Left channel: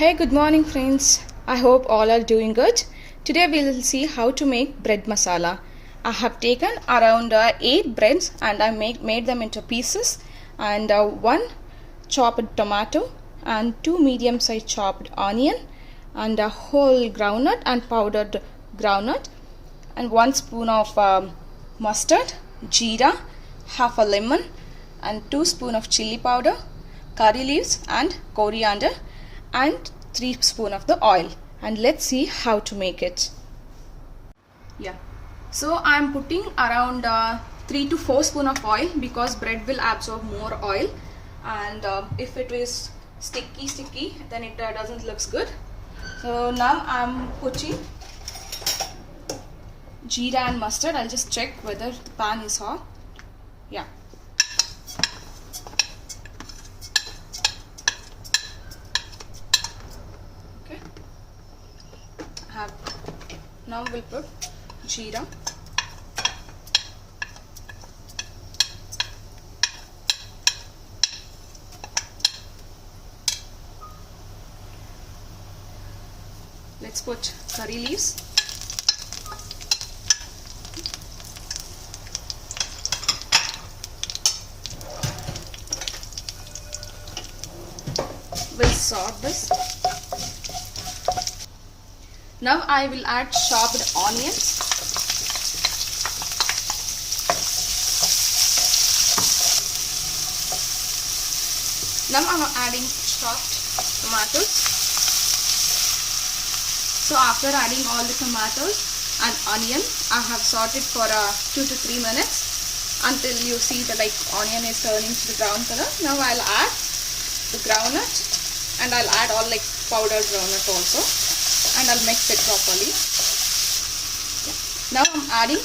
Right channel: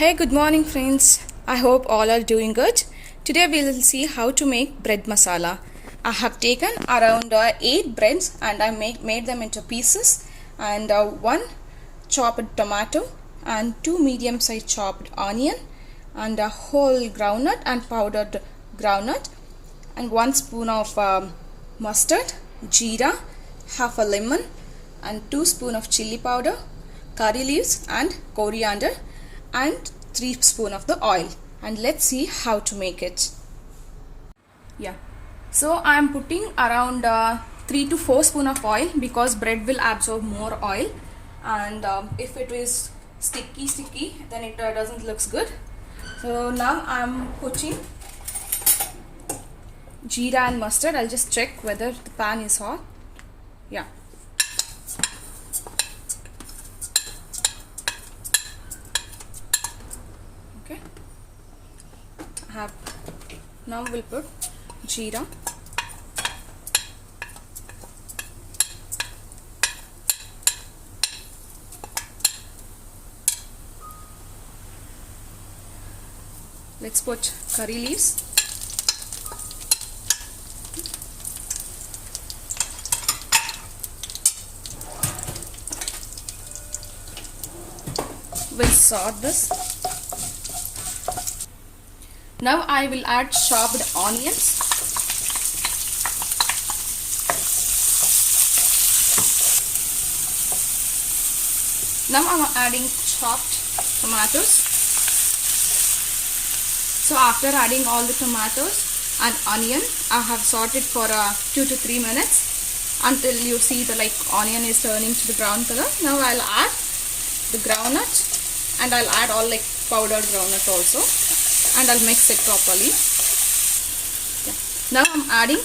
Hey, good morning friends. I hope all are doing good. Today we will see how to make bread masala. I have taken around 8 breads and I made them into pieces, and 1 chopped tomato and 2 medium sized chopped onion and a whole groundnut and powdered groundnut and 1 spoon of mustard, jeera, half a lemon and 2 spoon of chilli powder, curry leaves and coriander and 3 spoon of the oil. And let's see how to make it. So I am putting around 3 to 4 spoon of oil because bread will absorb more oil, and if it is sticky then it doesn't looks good. So now I am putting jeera and mustard. I'll just check whether the pan is hot. Now we'll put jeera, let's put curry leaves, we'll saute this. Now I will add chopped onions. Now I am adding chopped tomatoes. So after adding all the tomatoes and onion, I have sauteed for 2 to 3 minutes until you see the onion is turning to the brown color. Now I'll add the groundnut, and I'll add all powdered groundnut also, and I'll mix it properly. Now I'm adding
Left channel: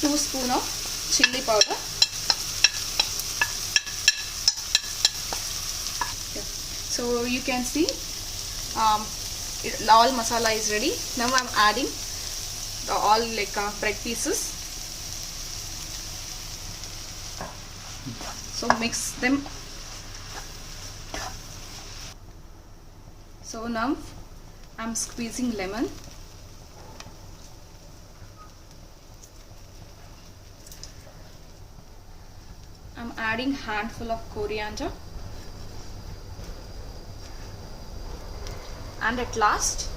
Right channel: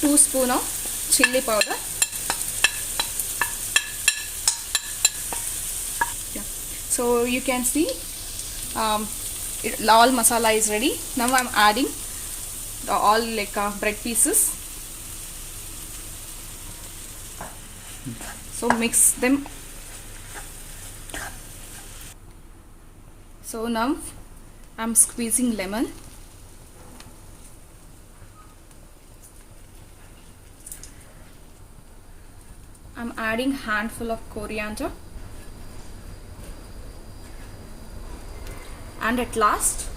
2 spoon of chilli powder. So you can see all masala is ready. Now I'm adding all bread pieces. So mix them. So now I'm squeezing lemon. I'm adding handful of coriander. And at last,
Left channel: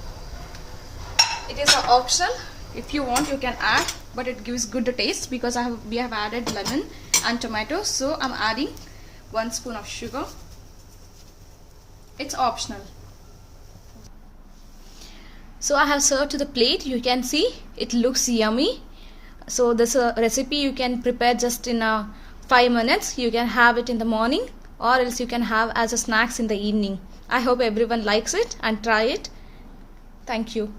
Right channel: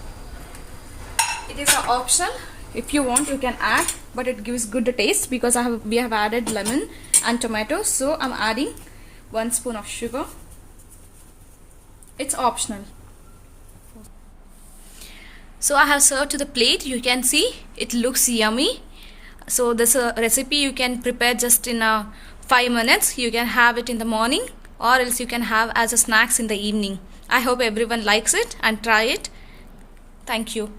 it is optional. If you want, you can add, but it gives good taste because we have added lemon and tomatoes. So I'm adding 1 spoon of sugar. It's optional. So I have served to the plate. You can see it looks yummy. So this recipe you can prepare just in 5 minutes. You can have it in the morning, or else you can have as a snacks in the evening. I hope everyone likes it and try it. Thank you.